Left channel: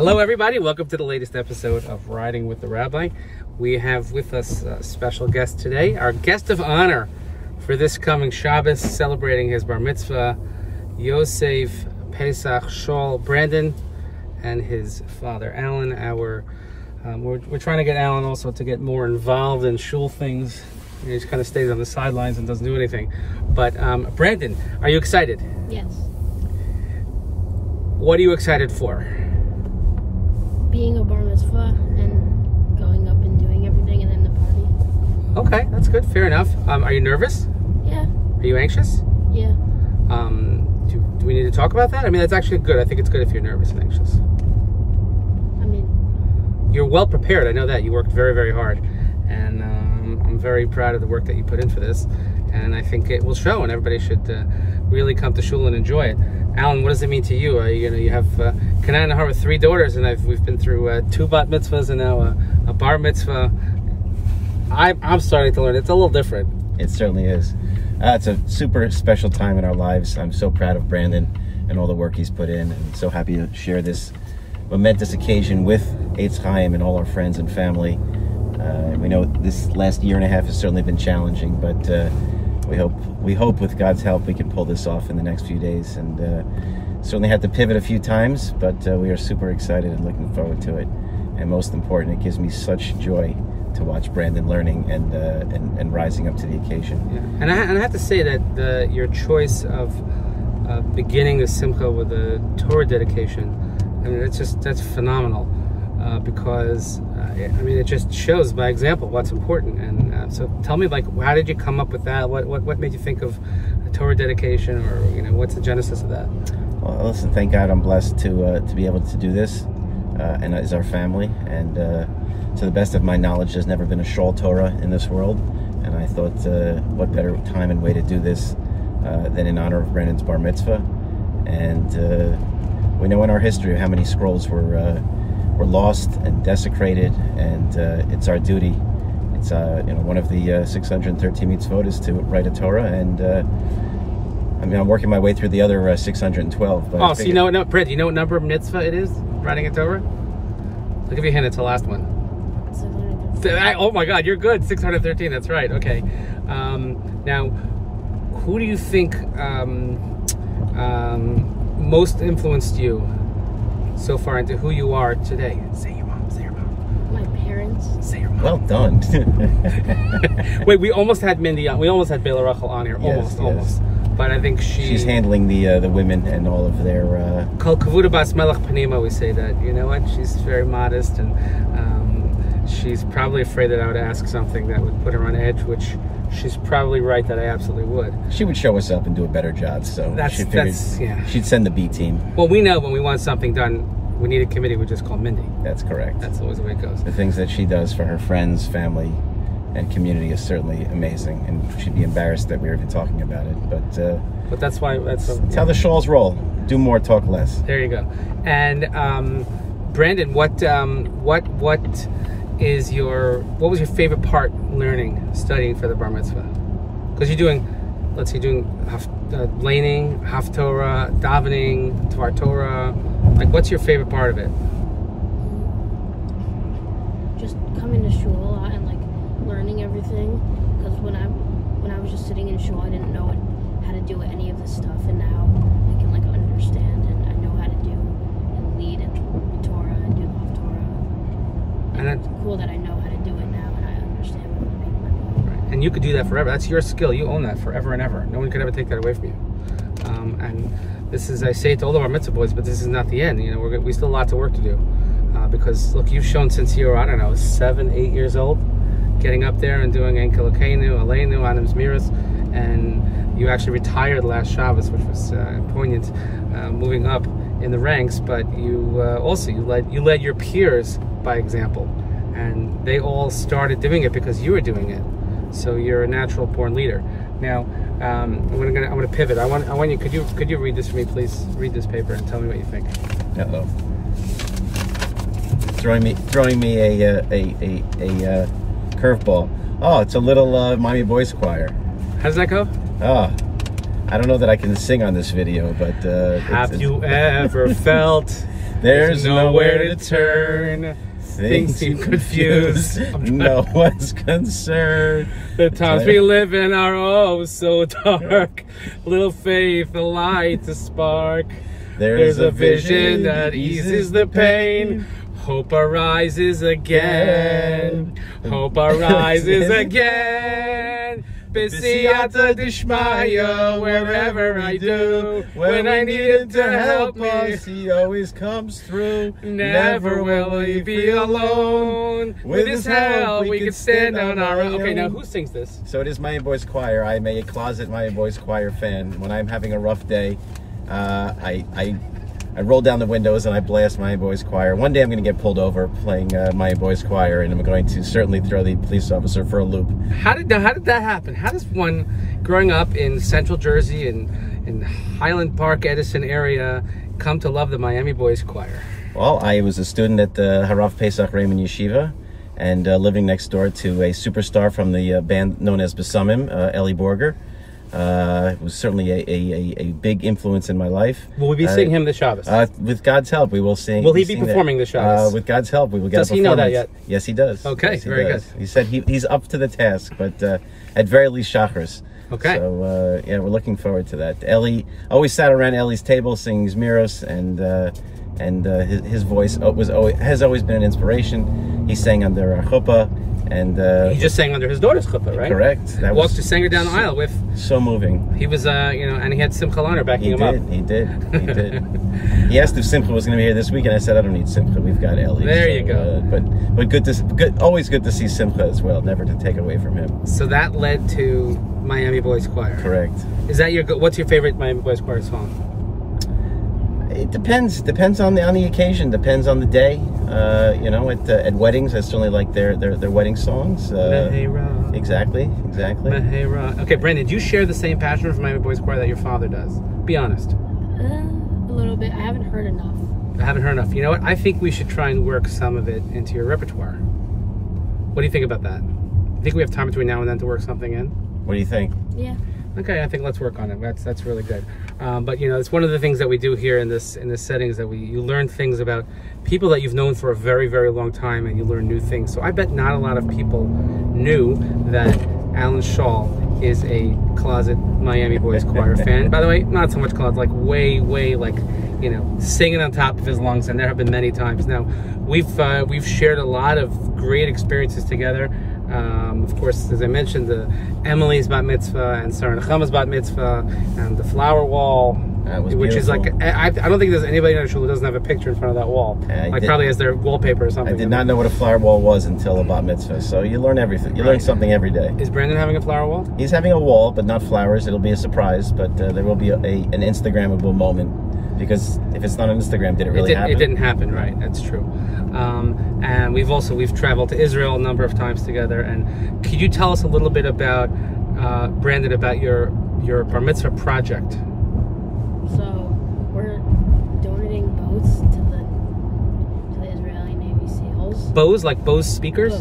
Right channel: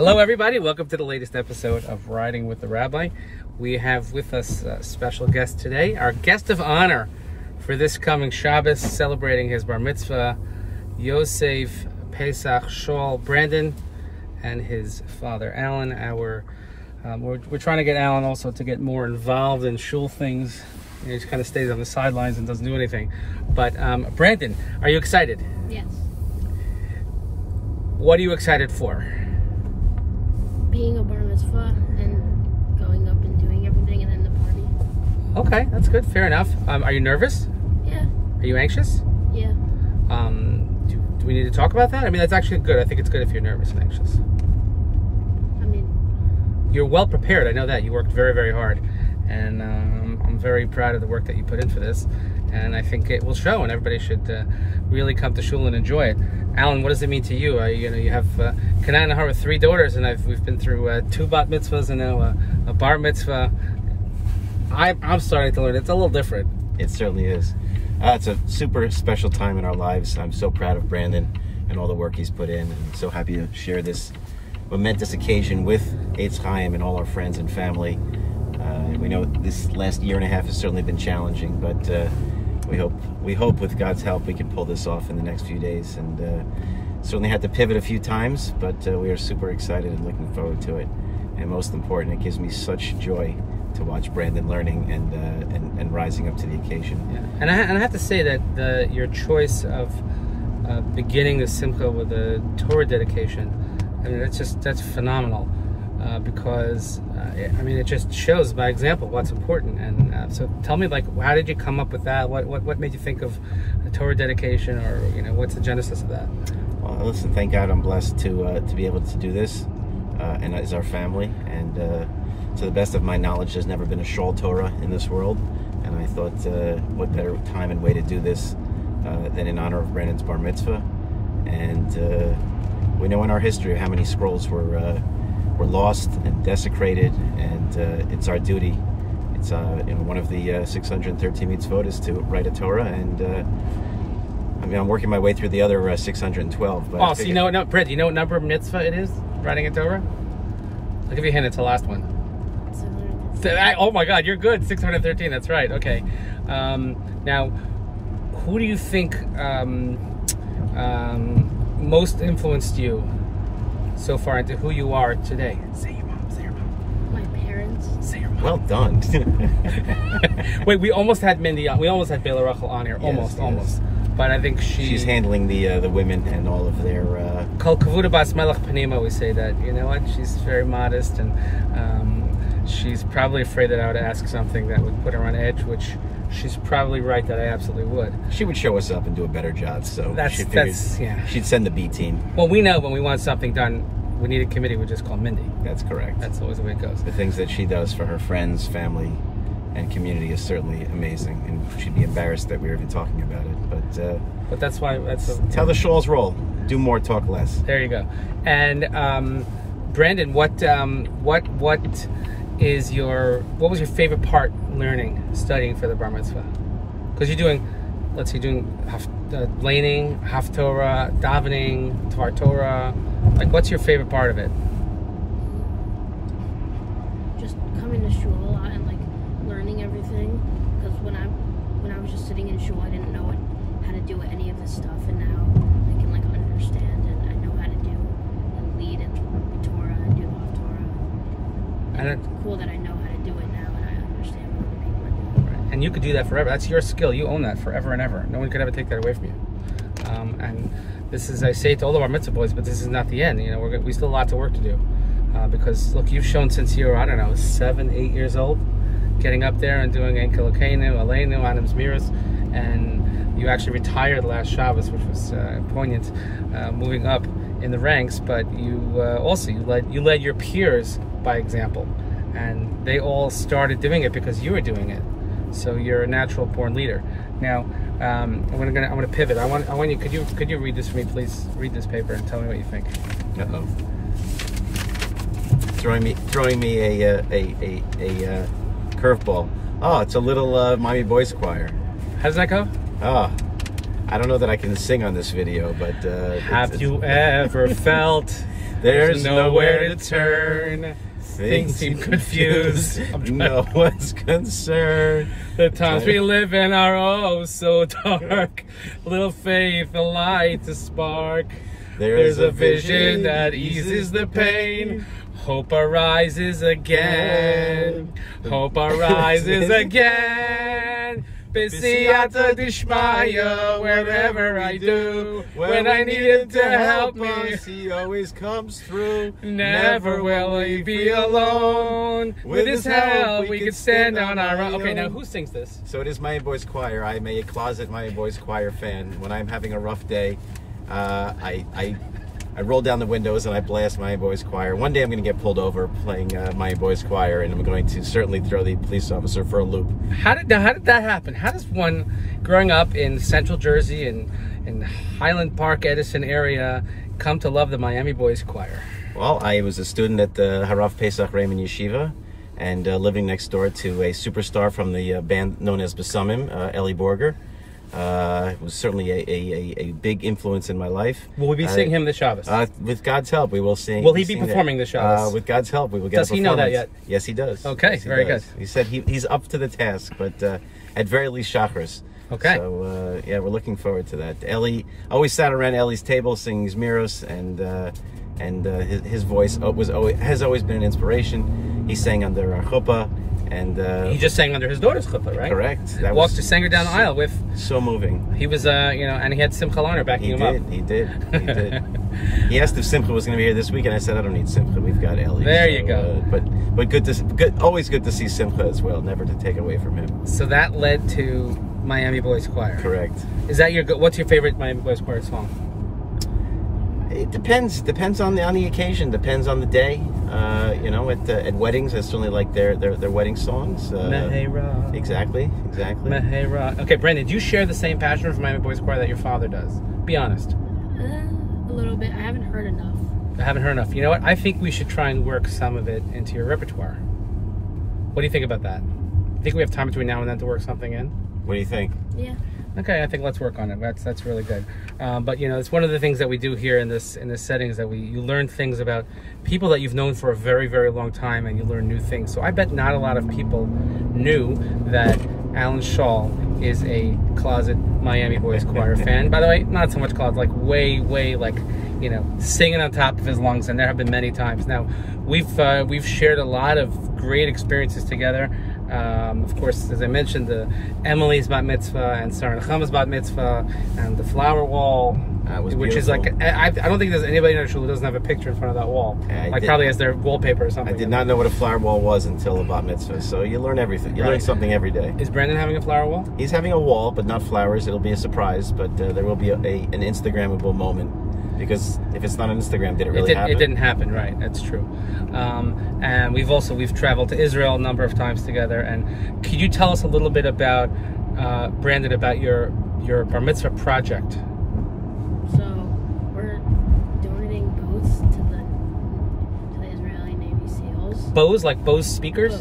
Hello everybody, welcome to the latest episode of Riding with the Rabbi. We have with us a special guest today, our guest of honor for this coming Shabbos, celebrating his bar mitzvah, Yosef Pesach Schall Brandon and his father Alan. We're trying to get Alan also to get more involved in shul things. He just kind of stays on the sidelines and doesn't do anything. But Brandon, are you excited? Yes. What are you excited for? Being a bar mitzvah and going up and doing everything and then the party. Okay, that's good. Fair enough. Are you nervous? Yeah. Are you anxious? Yeah. Do we need to talk about that? I mean, that's actually good. I think it's good if you're nervous and anxious. I mean, you're well prepared. I know that. You worked very, very hard. And I'm very proud of the work that you put in for this. And I think it will show, and everybody should really come to shul and enjoy it. Alan, what does it mean to you? You have Kanai and Nahar with 3 daughters, and we've been through 2 bat mitzvahs and now a bar mitzvah. I'm starting to learn. It's a little different. It certainly is. It's a super special time in our lives. I'm so proud of Brandon and all the work he's put in, and so happy to share this momentous occasion with Eitz Chaim and all our friends and family. We know this last year and a half has certainly been challenging, but we hope with God's help we can pull this off in the next few days. And certainly had to pivot a few times, but we are super excited and looking forward to it. And most important, it gives me such joy to watch Brandon learning and rising up to the occasion. Yeah. And I have to say that your choice of beginning the simcha with a Torah dedication, I mean, that's phenomenal, because I mean, it just shows by example what's important. And so tell me, like, how did you come up with that? What made you think of a Torah dedication, or what's the genesis of that? Well, listen, thank God I'm blessed to be able to do this, and as our family. And to the best of my knowledge, there's never been a Schall Torah in this world. And I thought, what better time and way to do this than in honor of Brandon's bar mitzvah. And we know in our history how many scrolls were lost and desecrated, and it's our duty. It's one of the 613 mitzvot is to write a Torah, and I mean, I'm working my way through the other 612. But so Britt, do you know what number of mitzvah it is, writing a Torah? I'll give you a hint, it's the last one. 613. Oh my God, you're good. 613, that's right. Okay. Now, who do you think most influenced you so far into who you are today? Say your mom. Say your mom. My parents. Say your mom. Well done. Wait, we almost had Mindy on. We almost had Bela Rachel on here. Yes, Almost. But I think she's handling the women and all of their. Kol kavuda bas melech panima. We say that. You know what? She's very modest, and she's probably afraid that I would ask something that would put her on edge, which she's probably right that I absolutely would. She would show us up and do a better job, so yeah. She'd send the B team. Well, we know when we want something done, we need a committee, we just call Mindy. That's correct. That's always the way it goes. The things that she does for her friends, family, and community is certainly amazing, and she'd be embarrassed that we were even talking about it. But that's why tell the Schall's roll. Do more, talk less. There you go. And Brandon, what was your favorite part studying for the bar mitzvah? Because you're doing laning, haftorah, davening, Tvar Torah. Like, what's your favorite part of it? Just coming to shul a lot and like learning everything. Because when I was just sitting in shul, I didn't know how to do any of this stuff, and now I can like understand, and I know how to do and lead and Torah and do the haftorah. And it's cool that I know how to do it now, and I understand what other people are doing. Right. And you could do that forever. That's your skill. You own that forever and ever. No one could ever take that away from you. And this is, I say it to all of our mitzvah boys, but this is not the end. We still have a lot of work to do. Because look, you've shown since you were, I don't know, 7, 8 years old, getting up there and doing Ein Kelokeinu, Aleinu, Anim Zmiris, and you actually retired last Shabbos, which was poignant, moving up in the ranks. But you also you led your peers by example, and they all started doing it because you were doing it. So you're a natural born leader. Now, I'm gonna pivot. I want you. Could you read this for me, please? Read this paper and tell me what you think. Uh-oh. Throwing me a curveball. Oh, it's a little Miami Boys Choir. How does that go? Oh, I don't know that I can sing on this video, but have you ever felt there's nowhere to turn? Things seem confused. No one's concerned. The times we live in are oh so dark. Little faith, a light to spark. There's a vision that eases the pain. Hope arises again. Hope arises again. B'siyata d'shmaya, wherever I do. When I need him to help me, he always comes through. Never will he be alone. With his help, we can stand on our own. Okay, now who sings this? So it is Miami Boys Choir. I'm a closet Miami Boys Choir fan. When I'm having a rough day, I roll down the windows and I blast Miami Boys Choir. One day I'm going to get pulled over playing Miami Boys Choir, and I'm going to certainly throw the police officer for a loop. How did that happen? How does one, growing up in Central Jersey and in Highland Park, Edison area, come to love the Miami Boys Choir? Well, I was a student at the Harav Pesach Raymond Yeshiva, and living next door to a superstar from the band known as Besamim, Eli Borger. It was certainly a big influence in my life. Will we be seeing him this Shabbos? With God's help, we will sing. Will he be performing this Shabbos? With God's help, we will get Does he know that yet? Yes, he does. Okay, yes, very good. He said he's up to the task, but at very least Shachris. Okay. So, yeah, we're looking forward to that. Eli always sat around Eli's table singing Zmiros, and his voice has always been an inspiration. He sang under a chuppah. And he just sang under his daughter's chuppah, right? Correct. That walked to sang her down the aisle with. So moving. He was, and he had Simcha Lerner backing him up. He did. He asked if Simcha was going to be here this week, and I said I don't need Simcha. We've got Eli. There you go. But always good to see Simcha as well. Never to take away from him. So that led to Miami Boys Choir. Correct. Is that what's your favorite Miami Boys Choir song? It depends. Depends on the occasion. Depends on the day. At weddings, I certainly like their wedding songs. Mehera. Exactly. Mehera. Okay, Brandon, do you share the same passion for Miami Boys Choir that your father does? Be honest. A little bit. I haven't heard enough. I haven't heard enough. You know what? I think we should try and work some of it into your repertoire. What do you think about that? I think we have time between now and then to work something in. What do you think? Yeah. Okay, I think let's work on it. That's really good. But it's one of the things that we do here in this setting is that you learn things about people that you've known for a very, very long time, and you learn new things. So I bet not a lot of people knew that Alan Schall is a closet Miami Boys Choir fan. By the way, not so much closet, like way, like singing on top of his lungs, and there have been many times. Now we've shared a lot of great experiences together. Of course, as I mentioned, the Emily's bat mitzvah and Sarah Nechama's bat mitzvah and the flower wall, which is like, I don't think there's anybody in our shul who doesn't have a picture in front of that wall. Probably as their wallpaper or something. I did not know what a flower wall was until a bat mitzvah, so you learn everything. You learn something every day. Is Brandon having a flower wall? He's having a wall, but not flowers. It'll be a surprise, but there will be an Instagrammable moment, because if it's not on Instagram, did it really happen? It didn't happen, right? That's true. And we've traveled to Israel a number of times together. And could you tell us a little bit about Brandon, about your bar mitzvah project? So we're donating boats to the Israeli Navy SEALs. Bows, like Bose speakers?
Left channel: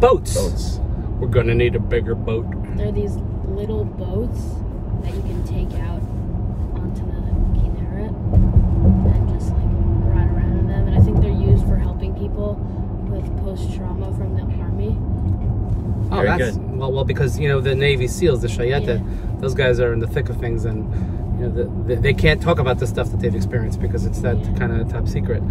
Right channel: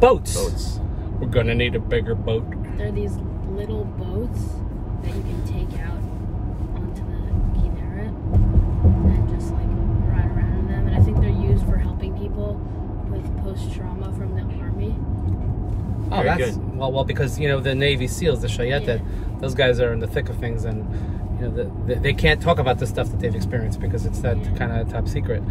Boats. We're gonna need a bigger boat. They're these little boats that you can take out onto the Kinneret and just like ride around in them. And I think they're used for helping people with post-trauma from the army. Oh, that's good. Well, because the Navy SEALs, the Shayetet, those guys are in the thick of things, and they can't talk about the stuff that they've experienced because it's that kind of top secret.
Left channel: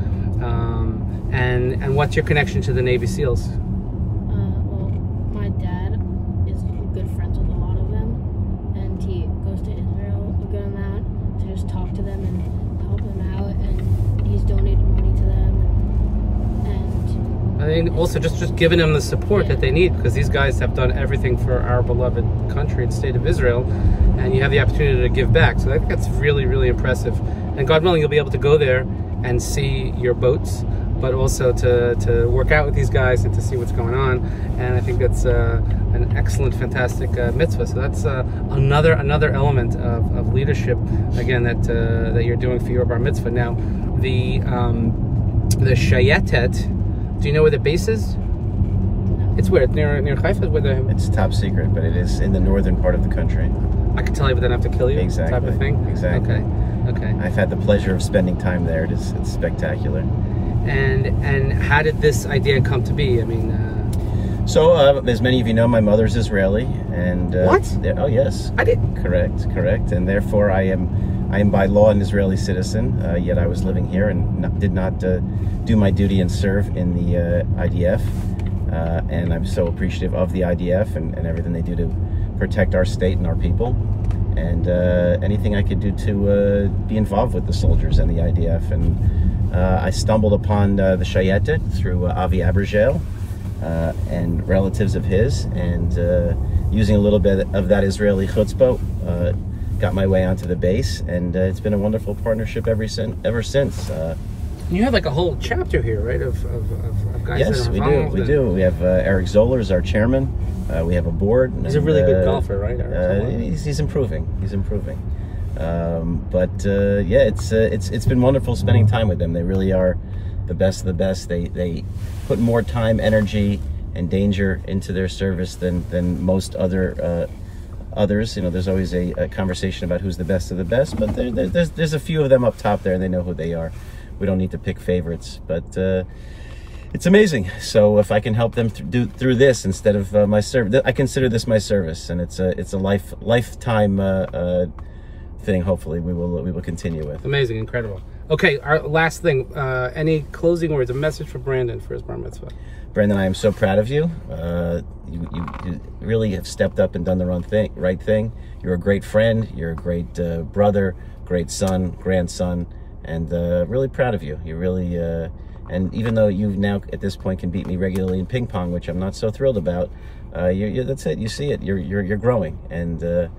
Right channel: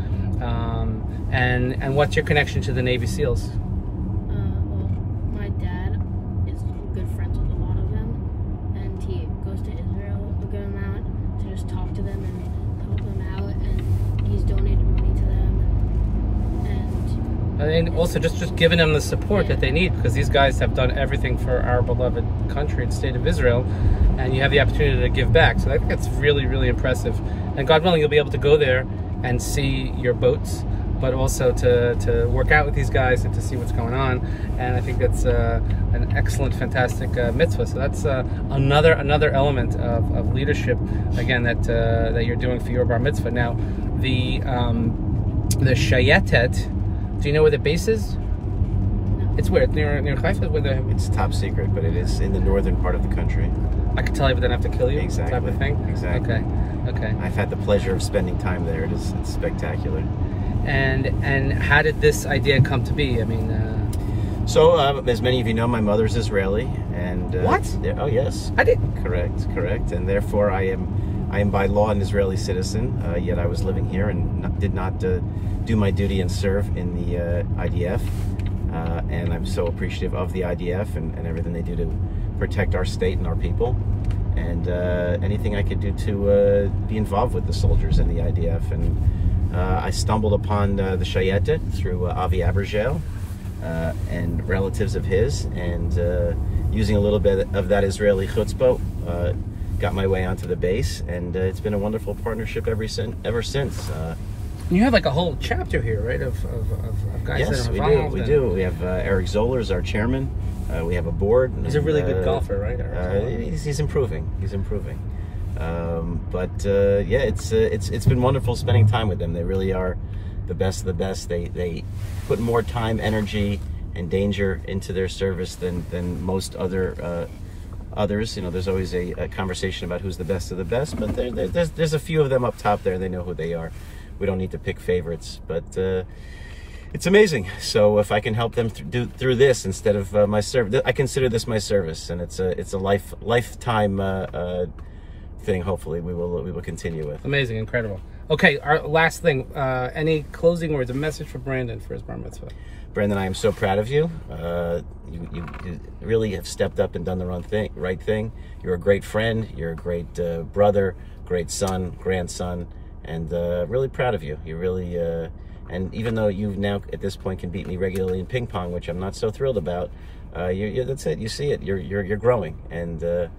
And what's your connection to the Navy SEALs? Well, my dad is good friends with a lot of them, and he goes to Israel a good amount to just talk to them and help them out, and he's donated money to them. And also just giving them the support that they need, because these guys have done everything for our beloved country and state of Israel, and you have the opportunity to give back. So I think that's really, really impressive. And God willing, you'll be able to go there and see your boats, but also to work out with these guys and to see what's going on. And I think that's an excellent, fantastic mitzvah. So that's another element of leadership, again, that you're doing for your bar mitzvah. Now, the Shayetet, do you know where the base is? No. It's where? Near Haifa? With the... It's top secret, but it is in the northern part of the country. I could tell you, but then I have to kill you. Exactly. Type of thing. Exactly. Okay. I've had the pleasure of spending time there. It's spectacular. And how did this idea come to be? I mean, so as many of you know, my mother's Israeli, and what? Oh yes, I didn't. Correct, and therefore I am by law an Israeli citizen. Yet I was living here and did not do my duty and serve in the IDF. And I'm so appreciative of the IDF and everything they do to protect our state and our people. And anything I could do to be involved with the soldiers and the IDF. And I stumbled upon the Shayetet through Avi Abergel and relatives of his, and using a little bit of that Israeli chutzpah, got my way onto the base, and it's been a wonderful partnership ever since. You have like a whole chapter here, right? Of guys yes, that are we involved. do. We do. We have Eric Zoller as our chairman. We have a board. He's a really good golfer, right? He's improving. He's improving. Yeah, it's been wonderful spending time with them. They really are the best of the best. They put more time, energy, and danger into their service than most others. You know, there's always a conversation about who's the best of the best, but there's a few of them up top there, and they know who they are. We don't need to pick favorites, but it's amazing. So if I can help them through this instead of my service, I consider this my service, and it's a lifetime thing. Hopefully, we will continue with. Amazing, incredible. Okay, our last thing. Any closing words? A message for Brandon for his bar mitzvah. Brandon, I am so proud of you. You really have stepped up and done the right thing. You're a great friend. You're a great brother, great son, grandson. And really proud of you. You really, and even though you now at this point can beat me regularly in ping pong, which I'm not so thrilled about, that's it. You see it. You're growing, and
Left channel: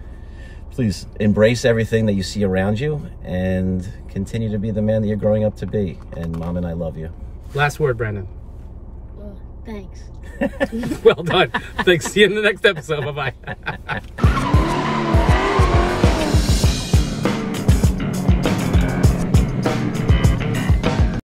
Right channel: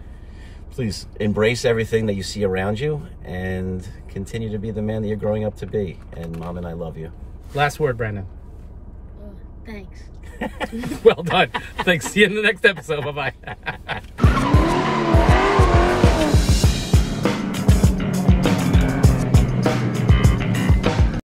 please embrace everything that you see around you, and continue to be the man that you're growing up to be. And Mom and I love you. Last word, Brandon. Thanks. Well done. Thanks. See you in the next episode. Bye bye.